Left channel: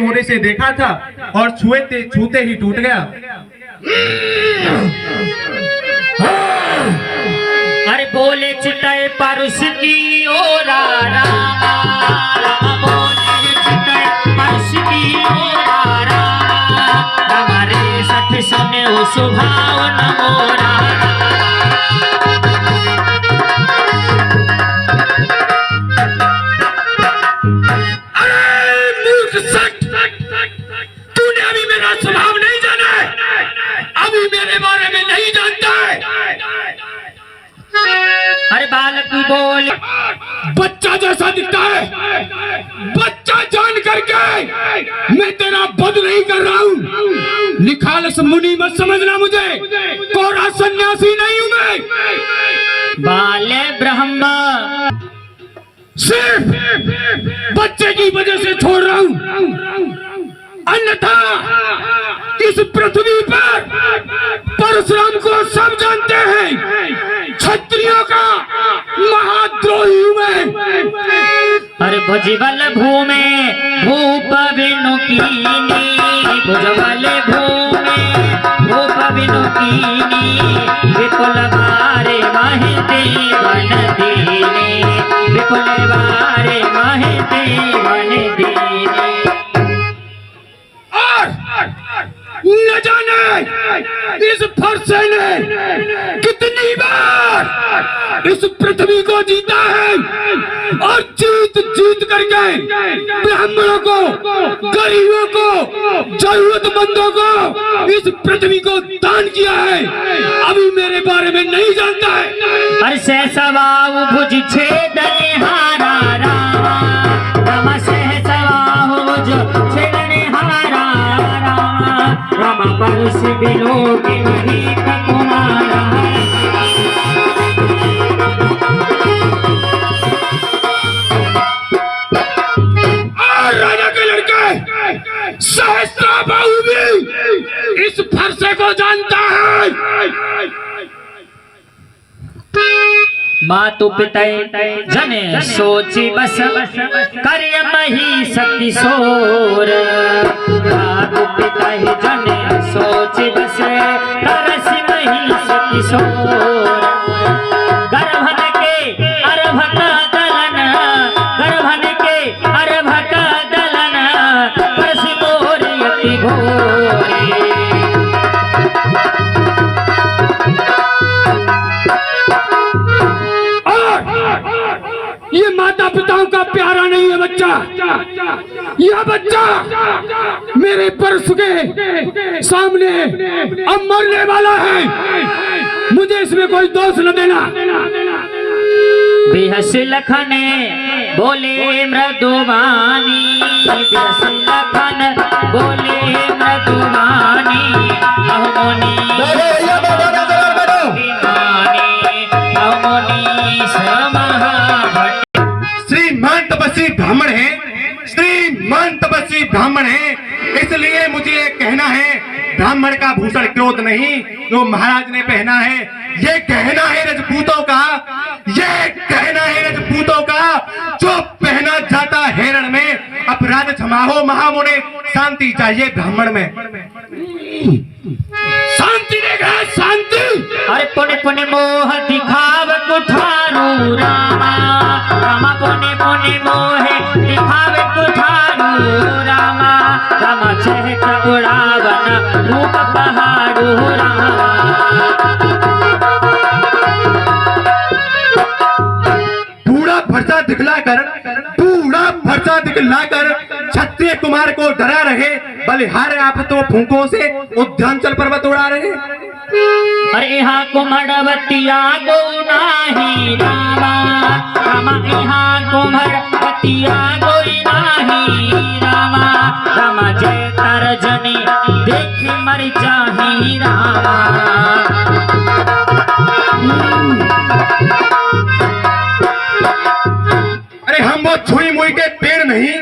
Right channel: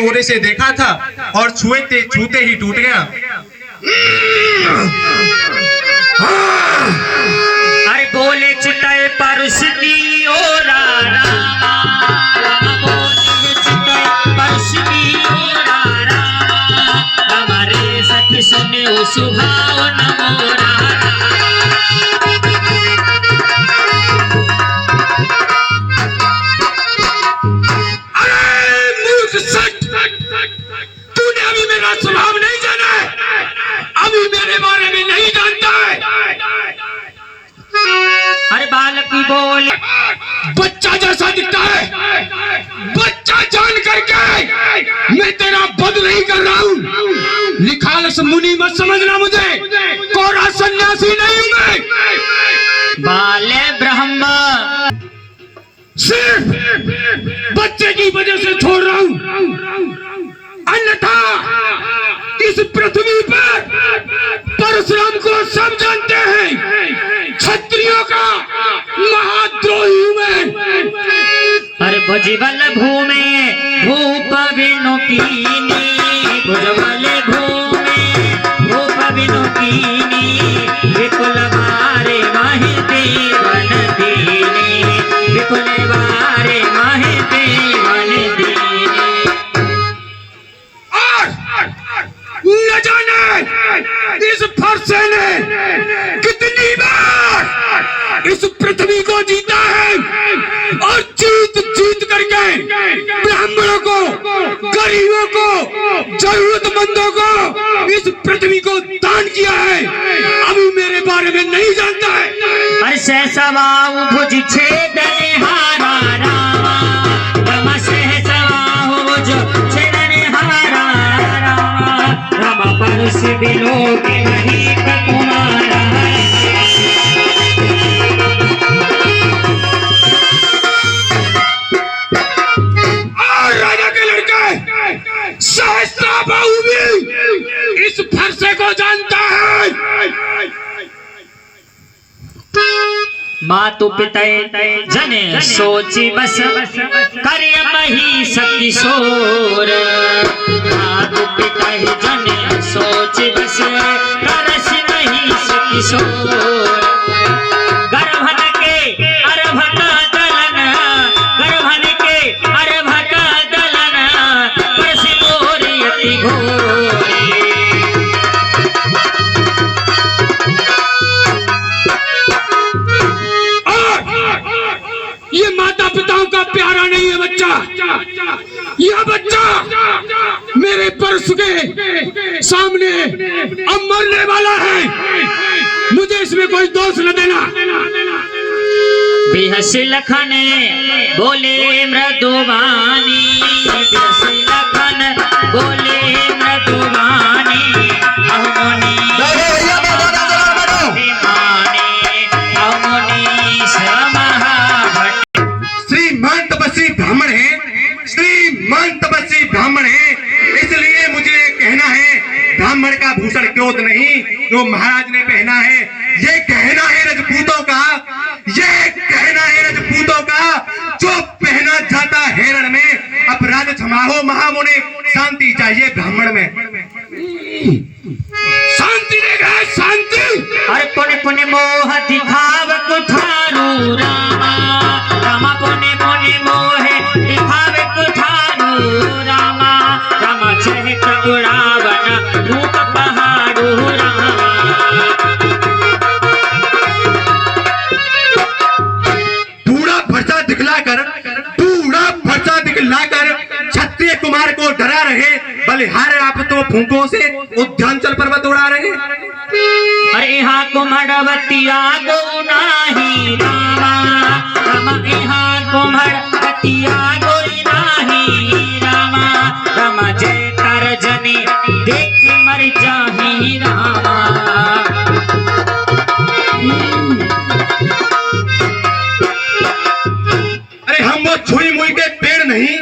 ओरे से देखा था और छूते ही टूट गया। अरे बोले चितल परस की ओरा रामा, बोले चितल परस की ओरा रामा, हमारे सख सुने ओ सुभाव नमोरा। तूने अभी मेरा स्वभाव नहीं जाना है, अभी मेरे बारे में नहीं जानता है। अरे बालक बोले बच्चा जैसा दिखता है, बच्चा जान करके मैं तेरा वध नहीं कर रहा हूँ। निखालस मुनि मत समझना मुझे, कोरा सन्यासी नहीं हूँ मैं। बाले ब्रह्म सिर्फ बच्चे की वजह से छोड़ रहा हूँ, अन्यथा इस पृथ्वी पर परशुराम को सब जानते हैं, क्षत्रियों का महाद्रोही हूं मैं। अरे भुजबल भूमे भूप विनुकीनी, भुजबल भूमे भूप विनुकीनी, विपुल बारे माहे देवन दीनी, विपुल बारे माहे देवन दीनी। और न जाने इस फरसे ने कितनी बार इस पृथ्वी को जीता है और जीत करके ब्राह्मणों को, गरीबों को, जरूरतमंदों को इस पृथ्वी को दान किया है। अभी मेरे बारे में नहीं जानता है। अरे सहसवाहु भुज छेदने हारा रामा, रामा सहसवाहु भुज छेदने हारा रामा, रामा परस बिलोके नहीं कुमारा। सहस्त्रबाहु भी इस फरसे को जानता है। मातु पितय जने सोची बस, कार्य मही सती सोर। मातु पितय जने सोची बस, करस नहीं सती सोर। गर्भन के अर्भक दलन, गर्भन के अर्भक दलन, परसि मोर यति घोरी। ये माता पिताओं का प्यारा नहीं है बच्चा, यह बच्चा मेरे परस के सामने अब मरने वाला है। मुझे इसमें कोई दोष न देना। बिहस लखन बोले मृदुवानी, बिहस लखन बोले मृदुवानी, अहोनी ब्राह्मण है, श्रीमान तपस्वी ब्राह्मण है, इसलिए मुझे कहना है ब्राह्मण का भूषण क्यों नहीं जो महाराज ने पहना है। ये कहना है रजपूतों का, ये कहना है रजपूतों का, जो पहना जाता हेरण में। अपराध क्षमा हो महामुने, शांति चाहिए ब्राह्मण में। शांति देगा शांति। अरे पुण्य पुण्य मोह दिखाव कुठारू रामा, रामा पुण्य पुण्य मोह दिखाव कुठारू रामा, रामा चहक उड़ावन रूप पहाड़ू रामा। बूढ़ा फरसा दिखलाकर क्षत्रिय कुमार को डरा रहे, बलिहार आप तो फूंकों से उद्यांचल पर्वत उड़ा रहे। अरे यहाँ कुमड़वतिया गो नाही रामा, रामा यहाँ कुमड़वतिया गोरी नाही रामा, रामा जय तरजनी देख मर जाही रामा। अरे हम वो छुई मुई के पेड़ नहीं,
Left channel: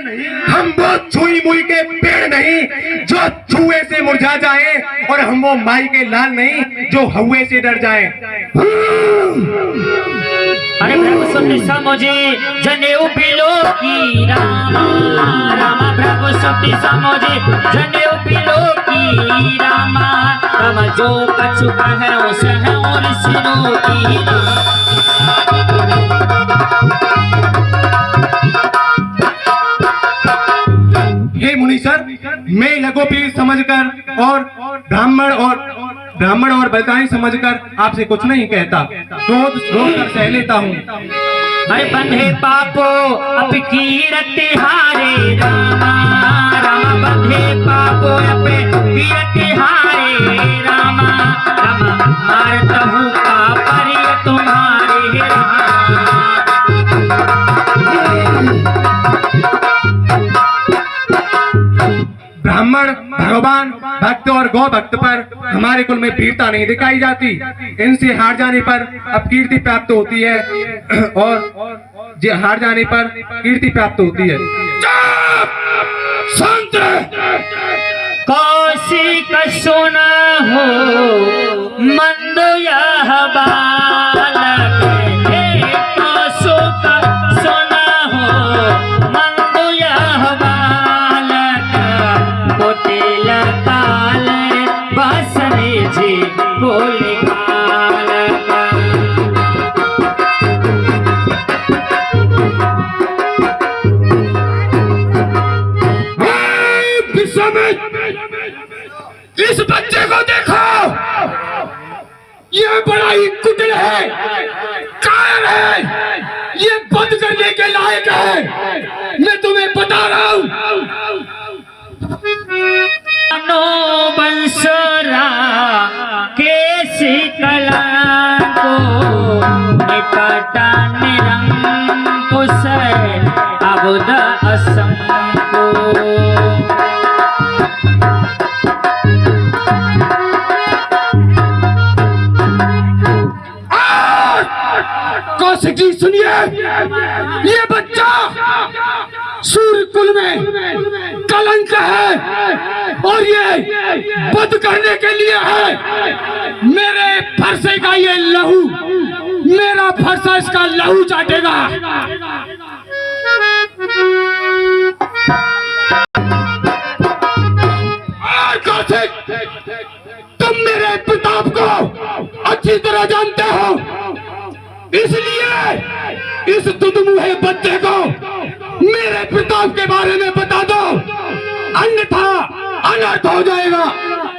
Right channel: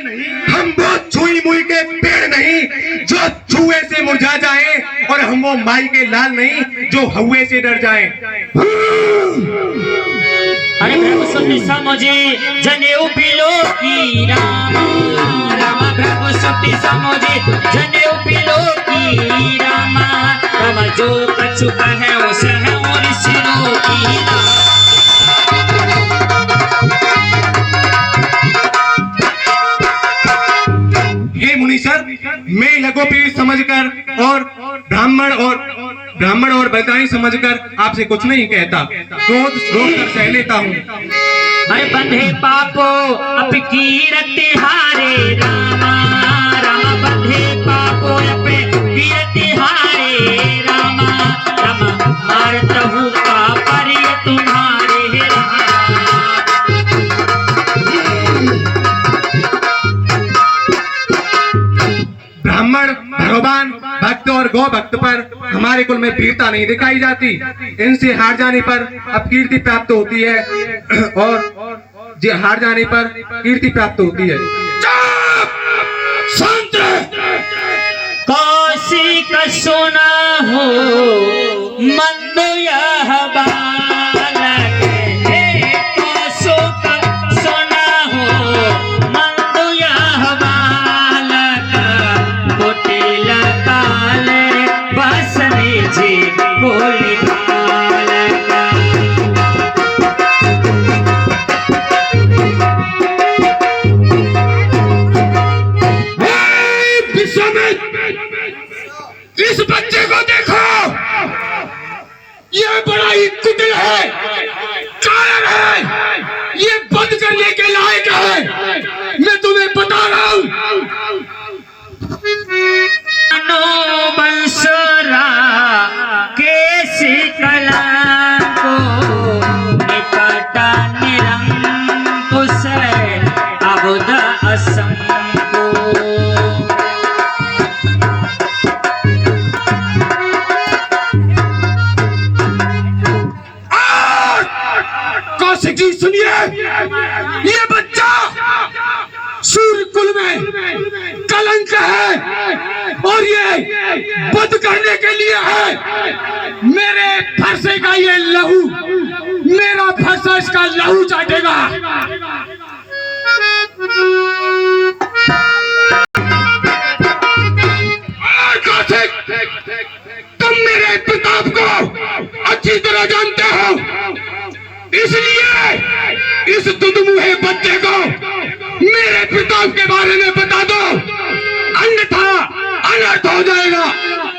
हम वो छुई मुई के पेड़ नहीं जो छुए से मुरझा जाए, और हम वो माई के लाल नहीं जो हौवे से डर जाए। अरे प्रभु सुन समझे जनेऊ बिलो की रामा, रामा प्रभु सुति समझे जनेऊ पिलो की रामा राम जो कछु कहे उसे है और सिरो की हे मुनीश्वर, मैं लघुपीर समझकर और ब्राह्मण और बलदाई समझकर आपसे कुछ नहीं कहता, क्रोध कर सह लेता हूँ। अरे बंधे पापो अब कीरति हारे रामा राम बंधे पापो अब कीरति हारे रामा राम मारतहु का परिय तुम्हारे रामा। ब्राह्मण भगवान भक्त और गौ भक्त पर हमारे कुल में वीरता नहीं दिखाई जाती। इनसे हार जाने पर अब कीर्ति प्राप्त होती है और हार जाने पर कीर्ति प्राप्त होती है। शांत कौशिक सुना हो मंद यह बालक हे कौशिक सुना हो मंद यह बालक कुटिल काल बसने जी बोल बालक। इस बच्चे को देखो, ये बड़ा ही कुटिल है, कायर है, ये बंद करने के लायक है, मैं तुम्हें बता रहा हूं। नो बंसरा केसी कलंको निपटा निरंकुश अबुध असंको। कौशिक जी सुनिए, ये बच्चा सूर्य कुल में कलंक है और ये बद करने के लिए है। मेरे फरसे का ये लहू, मेरा फरसा इसका लहू चाटेगा। और कौशिक, तुम मेरे प्रताप को अच्छी तरह जानते हो, इसलिए इस दुधमुहे बच्चे को मेरे प्रताप के बारे में बता दो, अन्यथा अनर्थ हो जाएगा।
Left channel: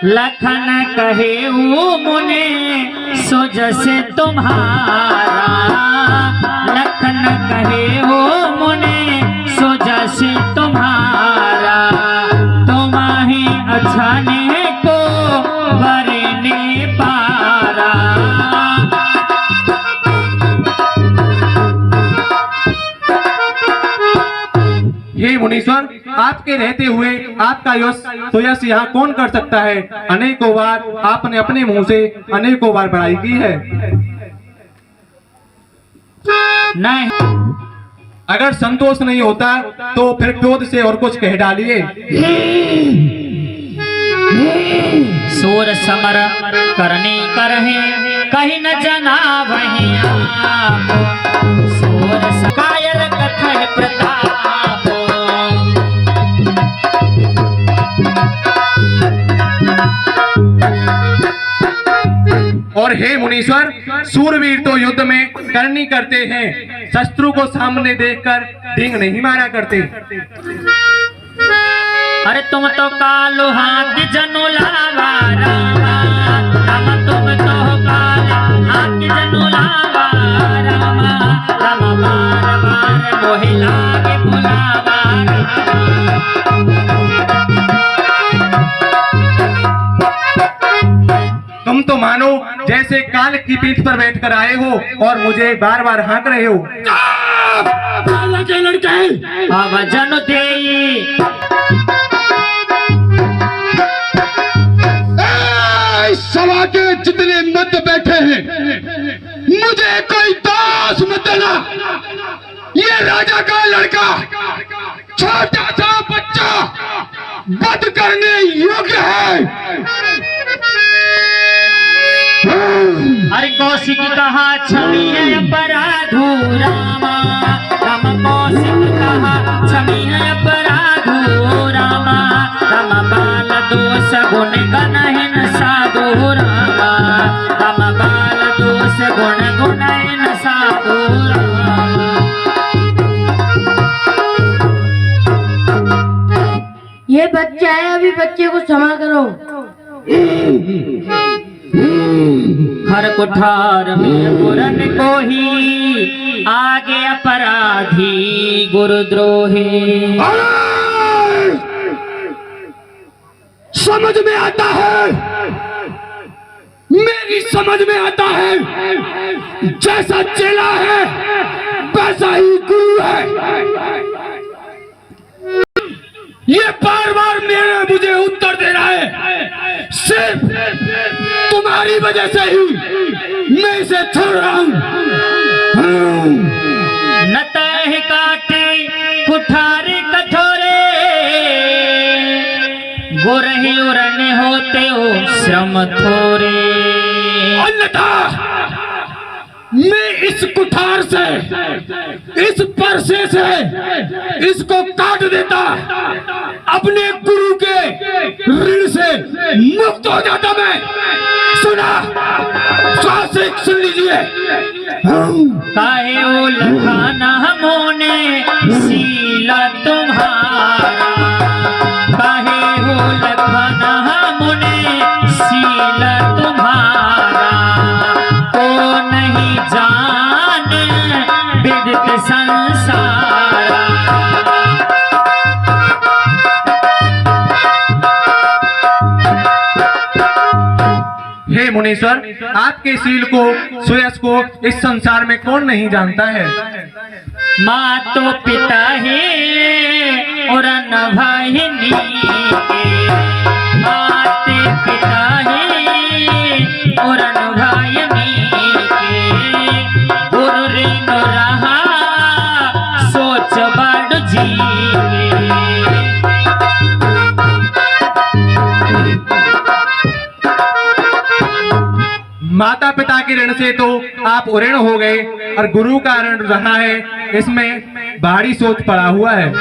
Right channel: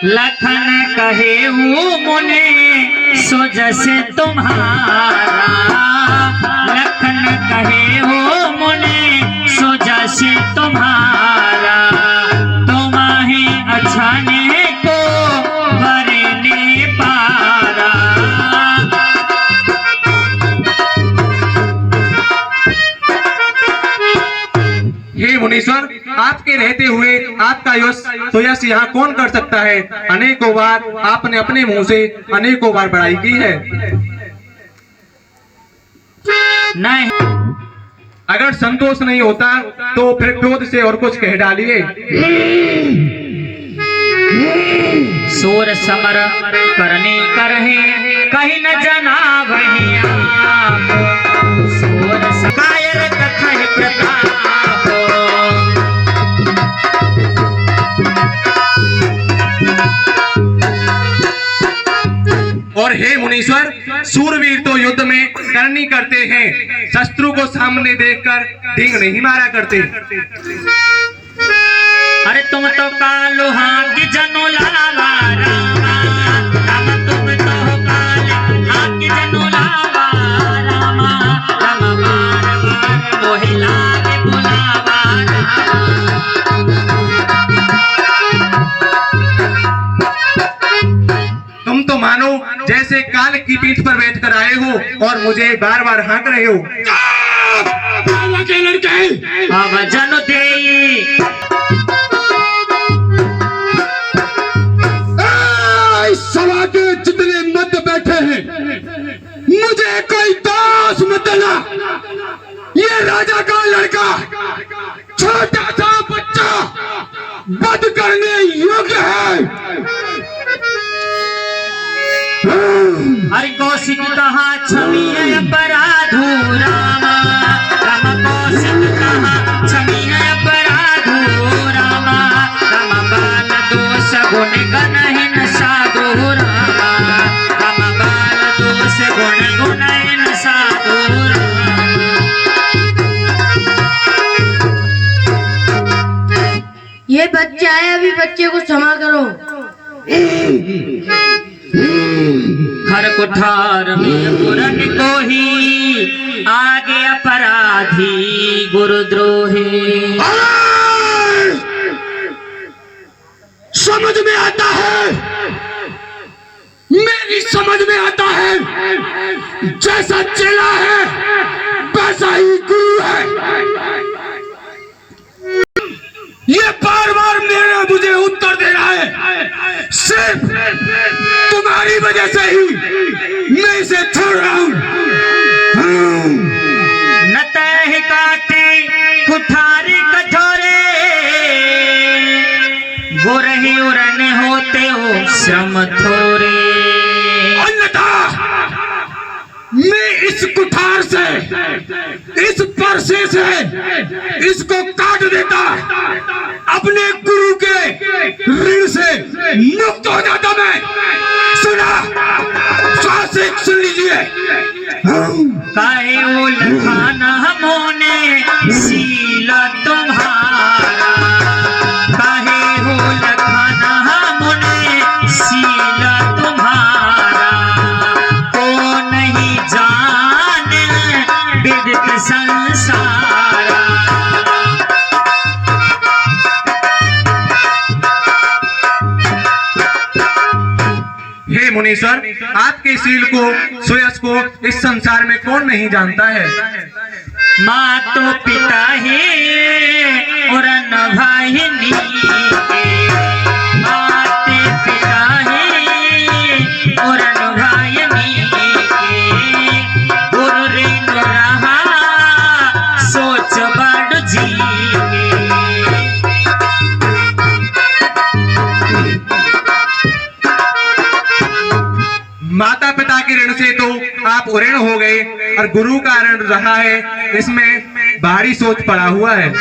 लखन कहे वो मुने सो जैसे तुम्हारा, लखन कहे वो मुने सो जैसे तुम्हारा, तुम्हें अच्छाने को भरने पारा। हे मुनीश्वर, आपके रहते हुए आपका यश यहाँ कौन कर सकता है? अनेकों बार आपने अपने मुंह से अनेकों बार बड़ाई की है। नहीं, अगर संतोष नहीं होता तो फिर क्रोध से और कुछ कह डालिए। सूर समर करने करहे कहीं न जना वहीं आप, सूर कायर कथय प्रताप। और हे मुनीश्वर, सूरवीर तो युद्ध में करनी करते हैं, शत्रु को सामने देखकर डींग नहीं मारा करते। अरे तुम तो कालो हाथ जनो लावा रामा, रामा तुम तो काले हाथ जनो लावा रामा, रामा बार बार मोहे लागे बुलावा रामा। तुम तो मानो जैसे काल की पीठ पर बैठकर आए हो और मुझे बार बार हाँक रहे हो। के लड़के अब जनो देई सभा के जितने मध्य बैठे हैं, मुझे कोई दास मत देना। ये राजा का लड़का, छोटा सा बच्चा, वध करने योग्य है। अरे कौशिक कहा छवि है अपराधो रामा, रामा कौशिक कहा छवि है अपराधो रामा। ये बच्चा है, अभी बच्चे को क्षमा करो। हर कुठार में पुरन को ही आगे अपराधी गुरुद्रोही। समझ में आता है, मेरी समझ में आता है, जैसा चेला है वैसा ही गुरु है। ये बार बार मुझे उत्तर दे रहा है, सिर्फ तुम्हारी वजह से ही मैं इसे छोड़ रहा हूं। न तह काटे कुठारी कठोरे, गोरही उरन होते हो श्रम थोरे। अन्यथा मैं इस कुठार से, इस परसे से इसको काट देता, अपने गुरु के ऋण से मुक्त हो जाता मैं। सुना, स्वासिक सुन लीजिए। काहे वो लखाना हमोने सीला तुम्हारा, काहे वो लखाना हमोने सीला तुम्हारा, को नहीं जाने विदित संसारा। हे मुनीश्वर, आपके शील को, सुयश को इस संसार में कौन नहीं जानता है। माँ तो पिता है और न भाई नी, माते पिता है और न भाई नी, गुरु रे नो रहा सोच बड़ जी। माता पिता के ऋण से तो आप ऋण हो गए और गुरु का ऋण रहा है, इसमें भारी सोच पड़ा हुआ है।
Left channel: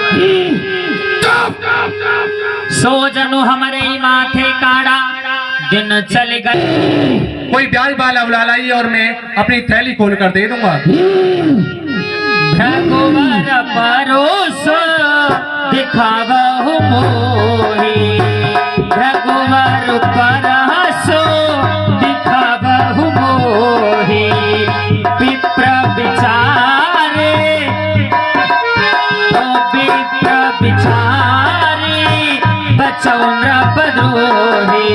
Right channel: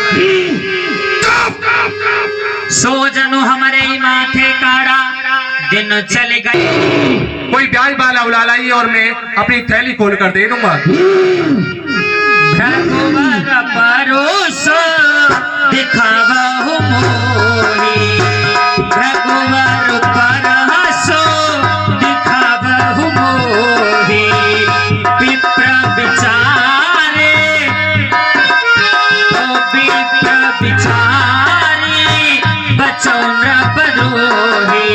सो जनो हमारे ही माथे काड़ा, दिन चले गए। कोई ब्याज वाला उड़ा लाई और मैं अपनी थैली खोल कर दे दूंगा। भगवान परोसो दिखावा हो मोही, भगवान परोसो दिखावा हो मोही। विप्र विचारे ओ विप्र विचारी बचो नृपद्रोही।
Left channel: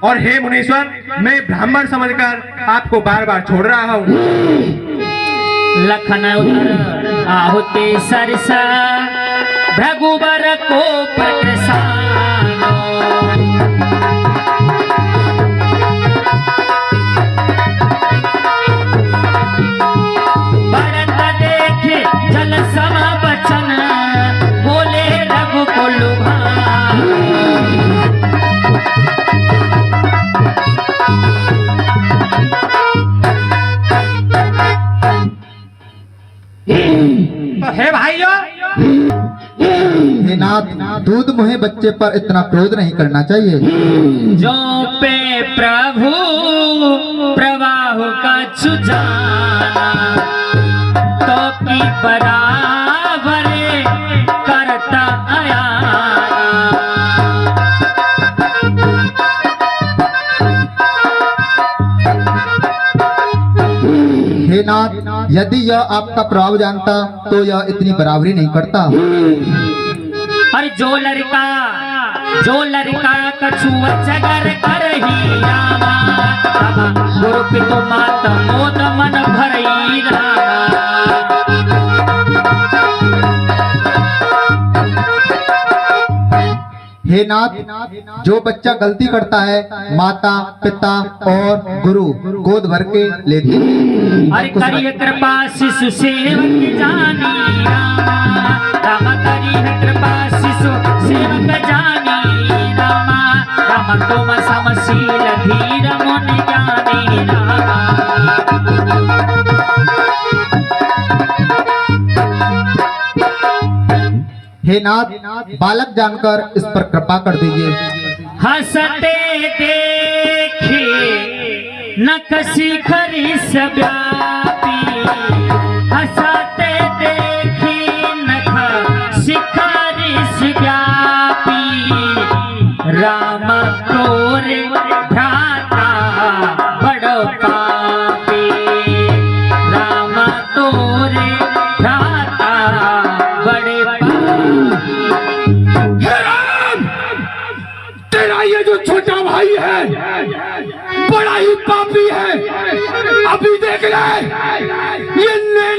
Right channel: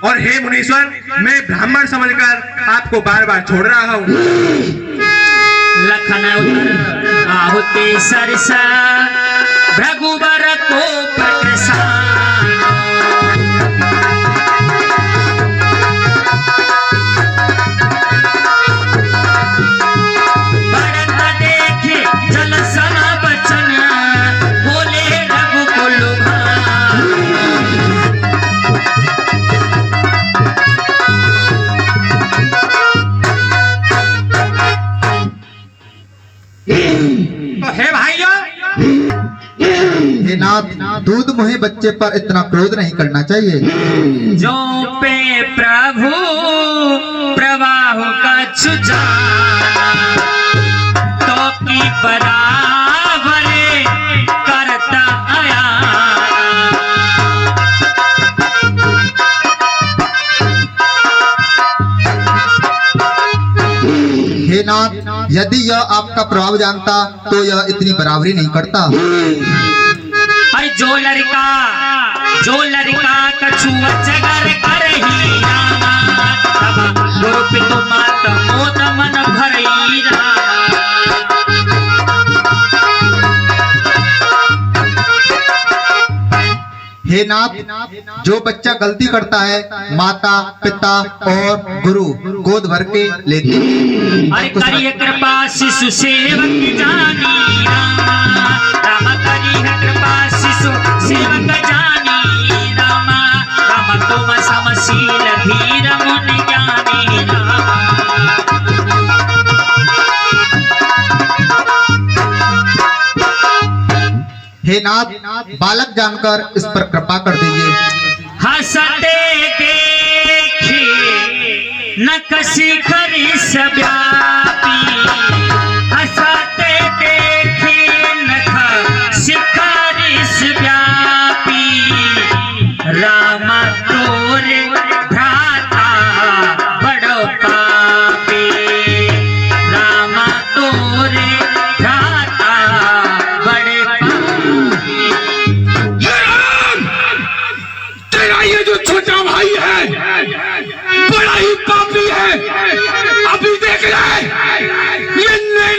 और हे मुनीश्वर, मैं ब्राह्मण समझकर आपको बार बार छोड़ रहा हूँ। लखन उतर आहुति सरसा, भृगुबर को प्रकृसान। बढ़त देखे जल सम बचन, बोले रघुकुल भान। हे भाइयों, हे नाथ, दूध मुहे बच्चे पर इतना क्रोध नहीं करना चाहिए। जो पे प्रभु प्रवाह का जाना, तो की बराबर करता आया। हे नाथ, यदि यह आपका प्रभाव जानता तो यह इतनी बराबरी नहीं करता। अरे जो लड़का कछुआ जगर कर ही रामा, रामा गुरु पितु मात मोद मन भरई रामा। हे नाथ, जो बच्चा गलती करता है माता पिता और गुरु गोद भर के लेते हैं। अरे करिए कृपा शिशु सेवक जानी रामा, रामा करिए कृपा शिशु सेवक जानी रामा। रामा तुम समशील धीर मुनि ज्ञानी रामा। हे नाथ, बालक जानकर इस पर कृपा कर दीजिए। हंसते देखे न कसी खरी व्यापी,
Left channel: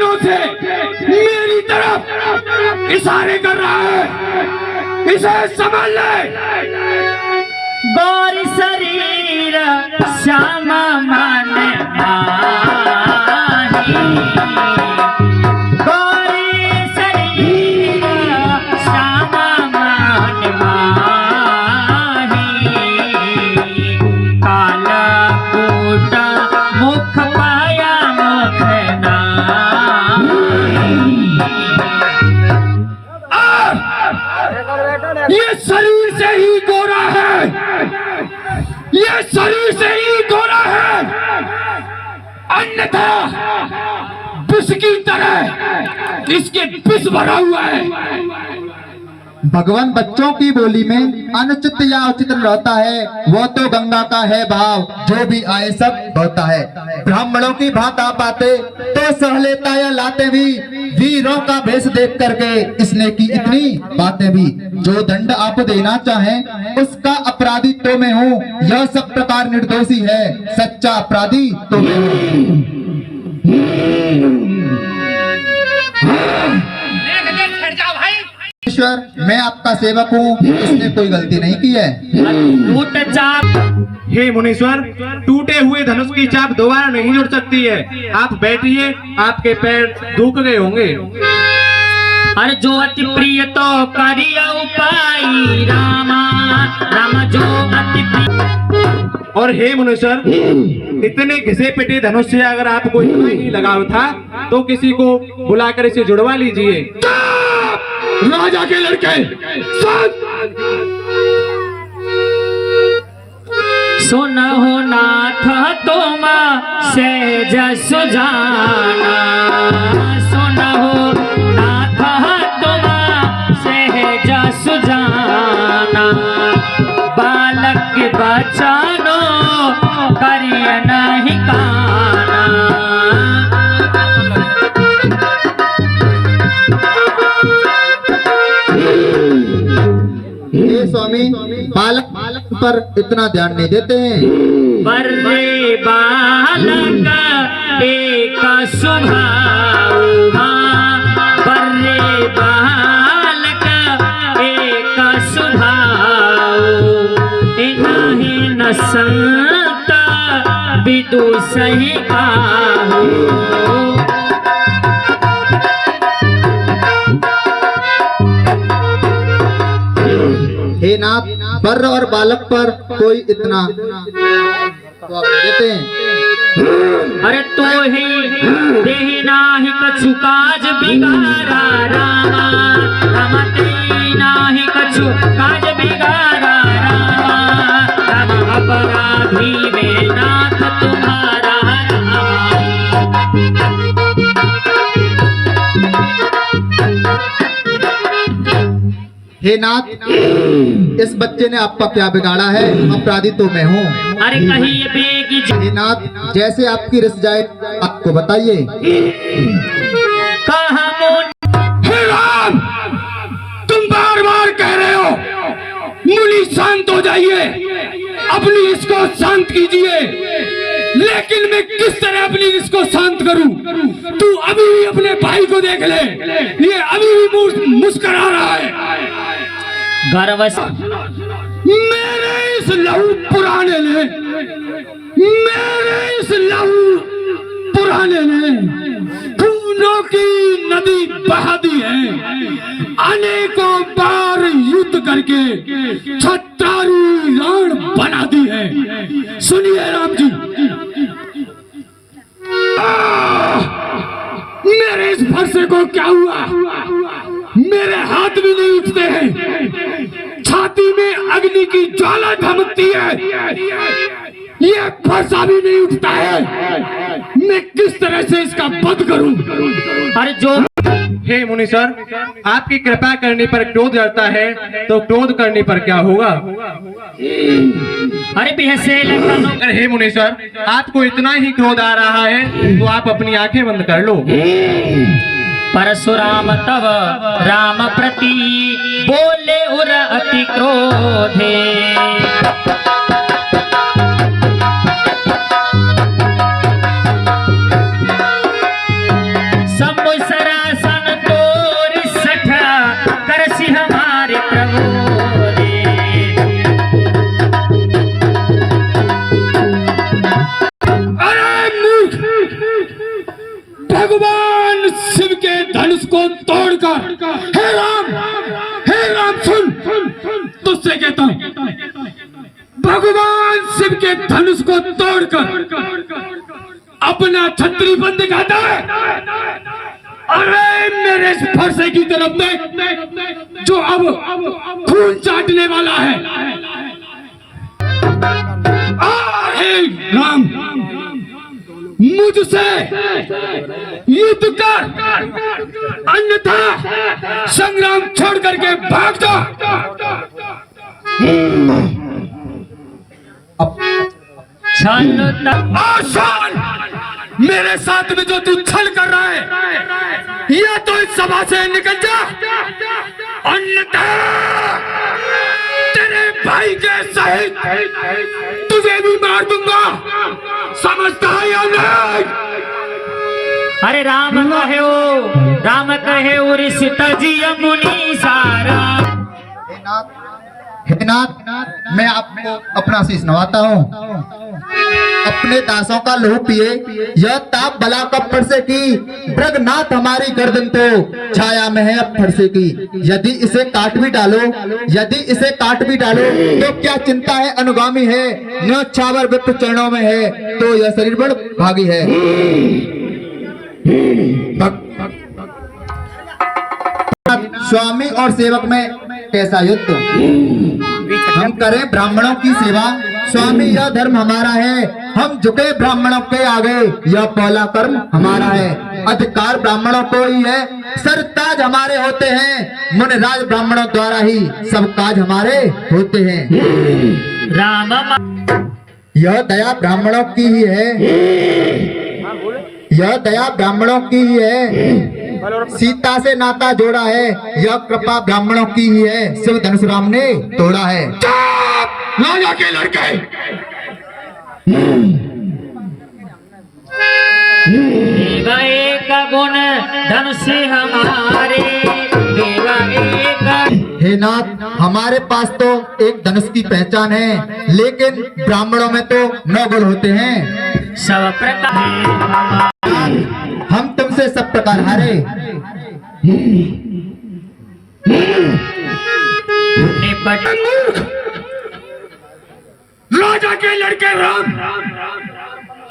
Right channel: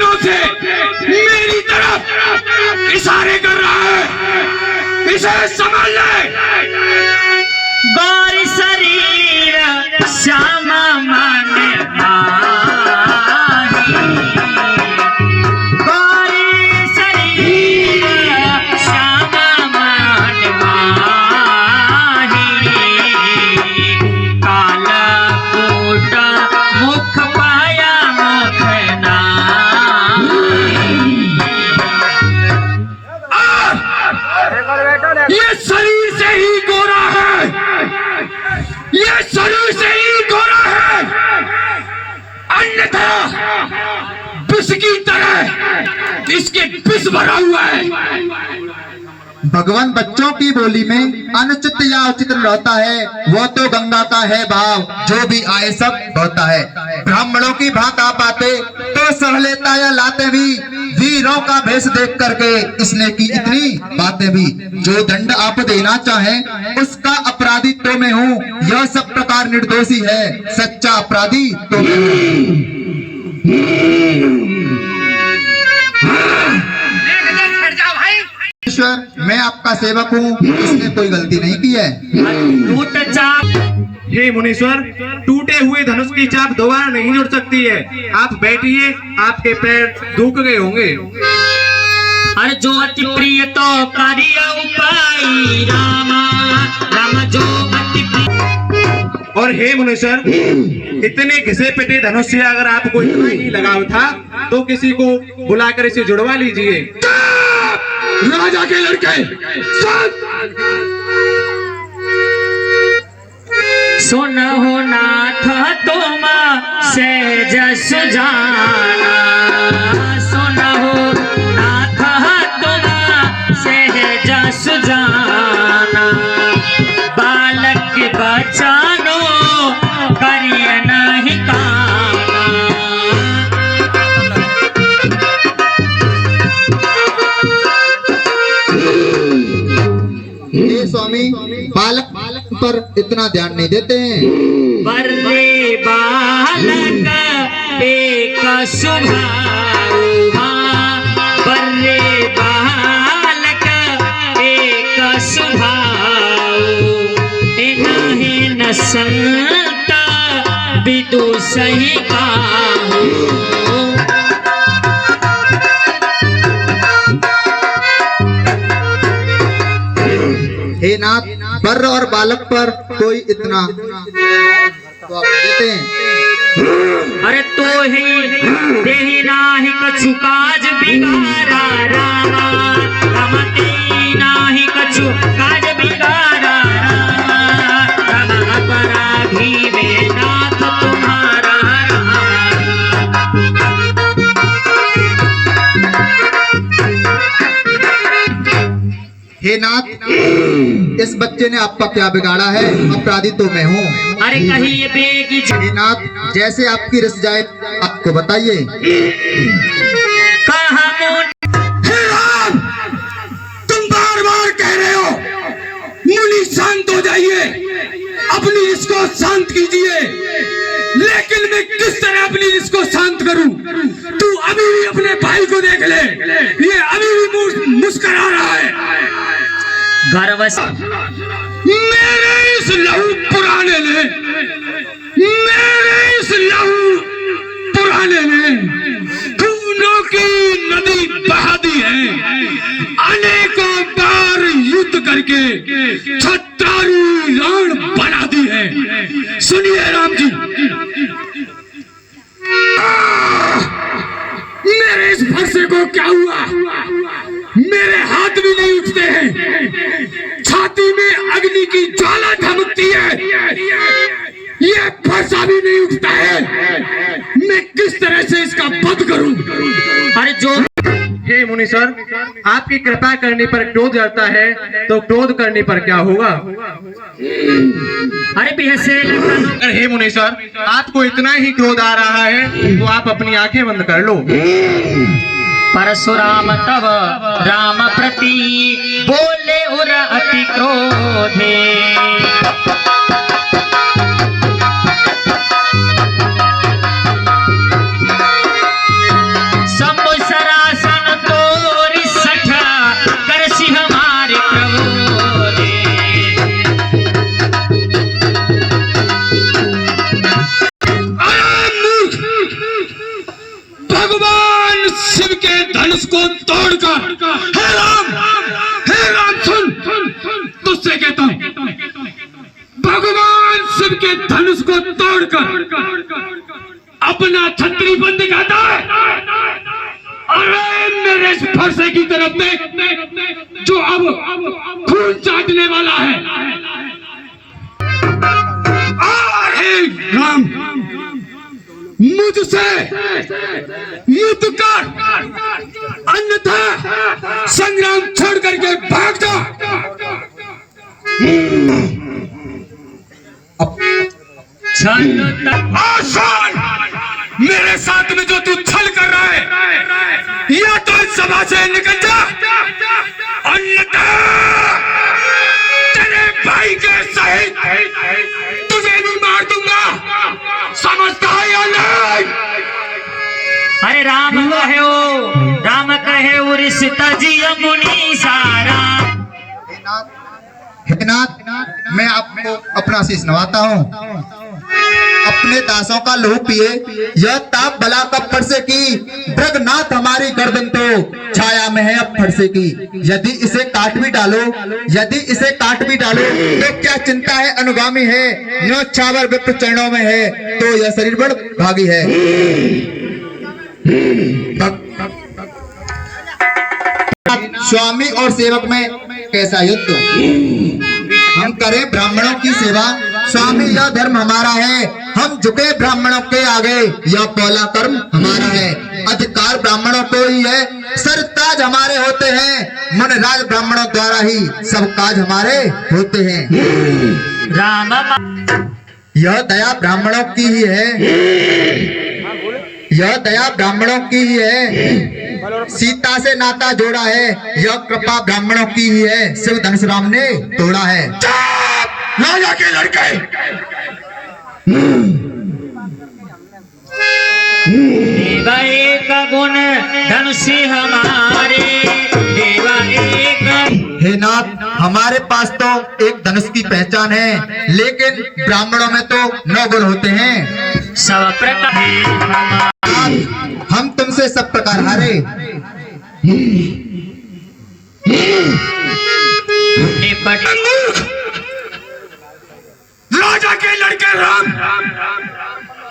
हाथों से मेरी तरफ इशारे कर रहा है, इसे समझ ले। गौर शरीर श्यामा मन माही, गौर शरीर श्यामा मन माही, काला कूट मुख पाया मुख नाही। ये शरीर से ही गोरा है, ये शरीर से ही गोरा है, अन्यथा विष की तरह इसके विष भरा हुआ है। भगवान बच्चों की बोली में अनुचित या उचित रहता है, वो तो गंगा का है भाव, जो भी आए सब होता है। ब्राह्मणों की भात आप आते तो सह लेता या लाते भी, वीरों का भेष देख करके इसने की इतनी बातें भी। जो दंड आप देना चाहें उसका अपराधी तो मैं हूँ, यह सब प्रकार निर्दोषी है, सच्चा अपराधी तो मैं हूँ। ईश्वर, मैं आपका सेवक हूँ, इसने कोई गलती नहीं की है। टूट चाप हे मुनीश्वर, टूटे हुए धनुष की चाप दोबारा नहीं जुड़ सकती है। आप बैठिए, आपके पैर दुख गए होंगे। अरे जो अति प्रिय तो करिया उपाय रामा, राम जो अति प्रिय। और हे मुनीश्वर, इतने घिसे पिटे धनुष से अगर आपको इतना ही लगाव था तो किसी को बुलाकर इसे जुड़वा लीजिए। राजा के लड़के सुनहो नाथ तुम सहज सुजाना, सुनहो नाथ तुम सहज सुजाना, बालक बचानो करिय नहीं काना। हे स्वामी, बालक पर इतना ध्यान नहीं देते हैं। बर्रे बालक एक सुभाऊ, बर्रे बालक एक सुभाऊ, इन्हीं न संत विदु सही काहू। हे नाथ, बर और बालक पर कोई इतना तो आप देते हैं। अरे तो ही देहि नाही कछु काज बिगाड़ा रामा, रमते नाही कछु काज बिगाड़ा रामा, रम अपराधी में नाथ तुम्हारा हे नाथ, इस बच्चे ने आपका क्या बिगाड़ा है? अपराधी तो मैं हूँ। अरे कहीं बेगी हे नाथ, जैसे आपकी रस जाए आपको बताइए। कहा हे राम, तुम बार बार कह रहे हो मुनि शांत हो जाइए, अपनी इसको शांत कीजिए, लेकिन मैं किस तरह अपनी इसको शांत करूं? तू अभी भी अपने भाई को देख ले, ये अभी भी मुस्कुरा रहा है। गर्व मेरे इस लहू पुराने ने, मेरे इस लहू पुराने ने खूनों की नदी बहा दी है, अनेकों बार युद्ध करके छत्रारी रण बना दी है। सुनिए राम जी, मेरे इस फरसे को क्या हुआ? मेरे हाथ भी नहीं उठते हैं, छाती में अग्नि की ज्वाला धमकती है, ये फरसा भी नहीं उठता है। मैं किस तरह से इसका वध करूं? अरे जो हे मुनीश्वर, आपकी कृपा करने पर क्रोध करता है तो क्रोध करने पर क्या होगा? अरे बिहसे लखनऊ अरे हे मुनीश्वर, आपको इतना ही क्रोध आ रहा है तो आप अपनी आंखें बंद कर लो। परशुराम तब राम प्रति बोले उर अति क्रोधे, सब धनुष को तोड़कर, हे राम सुन, तुझसे कहता हूं, भगवान शिव के धनुष को तोड़कर अपना छत्री बंद दिखाता है। अरे मेरे इस फरसे की तरफ देख जो अब खून चाटने वाला है। हे राम, मुझसे युद्ध कर, अन्यथा संग्राम छोड़ करके भाग जा। आसान मेरे साथ में जो तू छल कर रहा है, या तो इस सभा से निकल जा, अन्यथा तेरे भाई के सहित तुझे भी मार दूंगा, समझता है या नहीं? अरे राम कहे वो रिश्ता जिया मुनि सारा। हे नाथ, मैं आपको अपना शीश नवाता हूँ। अपने दासों का लहू पिए, यह ताप बला कब फरसे की, ब्रगनाथ हमारी गर्दन तो छाया में है अब फरसे की। यदि इसे काट भी डालो, तो क्या चिंता है, अनुगामी है, न्योछावर विप्र चरणों में है, तो यह शरीर बड़ भागी है। स्वामी और सेवक में कैसा युद्ध? हम करें ब्राह्मणों की सेवा, स्वामी यह धर्म हमारा है, हम झुके ब्राह्मणों के आगे, यह पहला कर्म हमारा है। अधिकार ब्राह्मणों को ही है, सरताज हमारे होते हैं, मनराज ब्राह्मणों द्वारा ही सब काज हमारे होते हैं। राम यह दया ब्राह्मणों की ही है, सीता से नाता जोड़ा है, यह कृपा ब्राह्मणों की ही है, शिव धनुष राम ने तोड़ा है। राजा के लड़के, देवा एक गुण धनुष हमारे, देवा एक। हे नाथ, हमारे पास तो एक धनुष की पहचान है, लेकिन ब्राह्मणों में तो 9 गुण होते हैं। सब प्रकार हम तुमसे सब प्रकार हारे। निपट राजा के लड़के राम,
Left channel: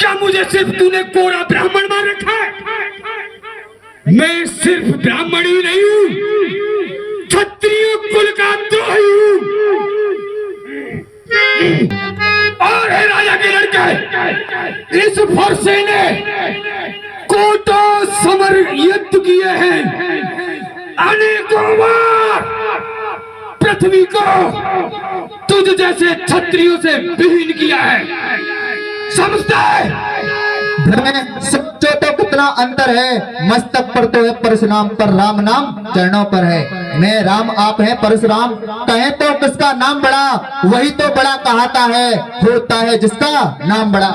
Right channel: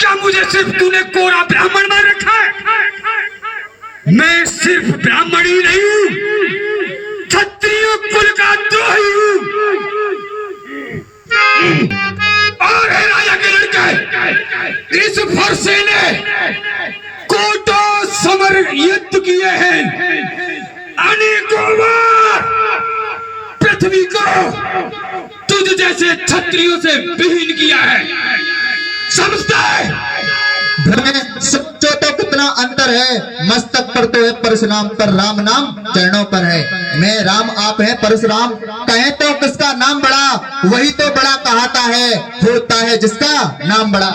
क्या मुझे सिर्फ तूने कोरा ब्राह्मण मान रखा है? मैं सिर्फ ब्राह्मण ही नहीं हूँ, क्षत्रिय कुल का द्रोही हूँ। और है राजा के लड़के, इस फरसे ने कोटों समर युद्ध किए हैं, अनेकों बार पृथ्वी को तुझ जैसे क्षत्रियों से विहीन किया है, समझता है? सच्चो तो कितना अंतर है, मस्तक पर तो है परशुराम, पर राम नाम चरणों पर है। मैं राम, आप है परशुराम, कहें तो किसका नाम बड़ा, वही तो बड़ा कहाता है, होता है जिसका नाम बड़ा।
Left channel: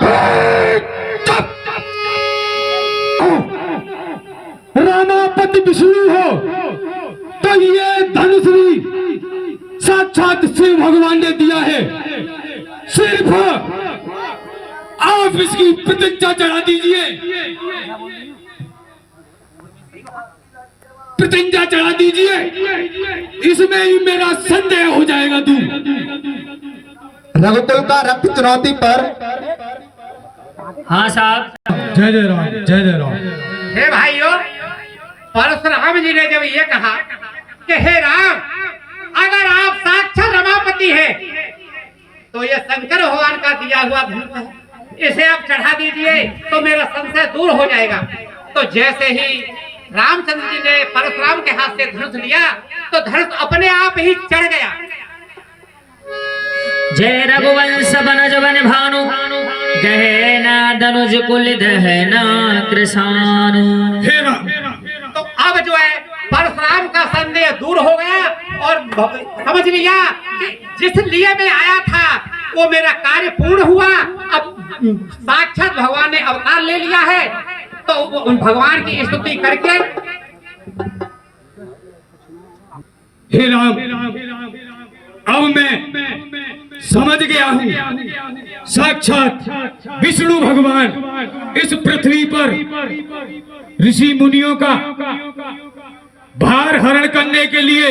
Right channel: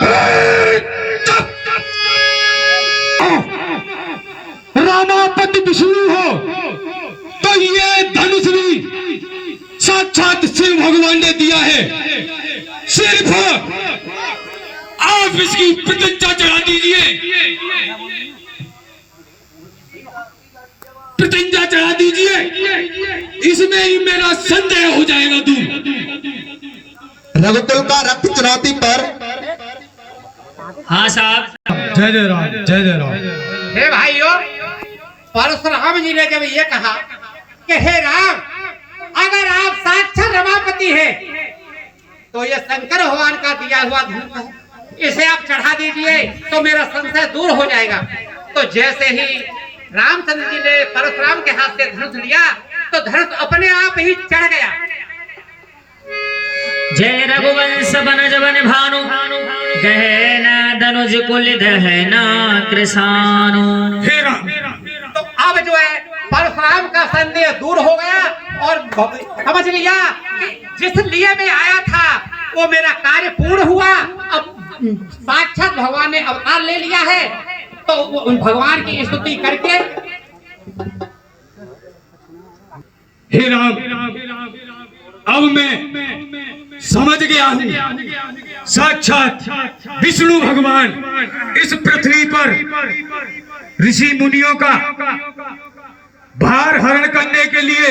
रामापति विष्णु हो तो ये धनुष भी साक्षात शिव भगवान ने दिया है, सिर्फ आप इसकी प्रतिज्ञा चढ़ा दीजिए, प्रतिज्ञा चढ़ा दीजिए, इसमें ही मेरा संदेह हो जाएगा। तू रघुकुल का रक्त चुनौती पर। हाँ साहब, जय जय राम, जय जय राम। हे भाइयों, परशुराम जी ने जब ये कहा कि हे राम, अगर आप साक्षात रमापति हैं तो ये शंकर भगवान का दिया हुआ धनुष है, इसे आप चढ़ा दीजिए तो मेरा संशय दूर हो जाएगा। तो जैसे ही रामचंद्र जी ने परशुराम के हाथ से धनुष लिया तो धनुष अपने आप ही चढ़ गया। जय रघुवंश बनज बन भानु, गहना धनुज कुल दहना कृषानु। हे राम, तो अब जो है परशुराम का संदेह दूर हो गया और समझ लिया कि जिस लिए मैं आया था वो मेरा कार्य पूर्ण हुआ। अब साक्षात भगवान ने अवतार ले लिया है, तो उन भगवान की स्तुति करके। हे राम, अब मैं समझ गया हूँ, साक्षात विष्णु भगवान इस पृथ्वी पर ऋषि मुनियों का भार हरण करने के लिए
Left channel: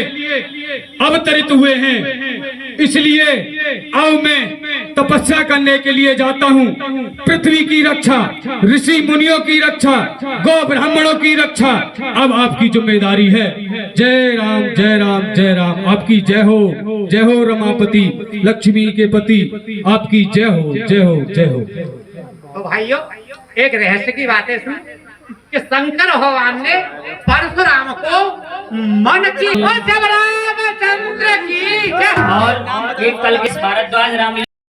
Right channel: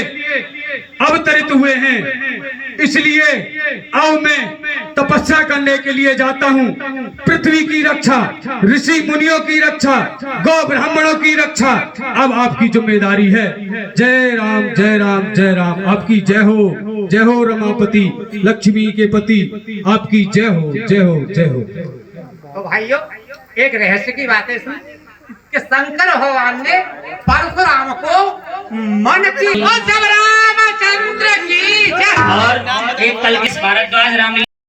अवतरित हुए हैं। इसलिए अब मैं तपस्या करने के लिए जाता हूँ। पृथ्वी की रक्षा, ऋषि मुनियों की रक्षा, गौ ब्राह्मणों की रक्षा अब आपकी जिम्मेदारी है। जय राम जय राम जय राम। आपकी जय हो रमापति लक्ष्मी के पति, आपकी जय हो जय हो जय हो। तो भाइयों, एक रहस्य की बात है इसमें कि शंकर भगवान ने परशुराम को मन की, और जब रामचंद्र की जय। और एक कल के भारद्वाज राम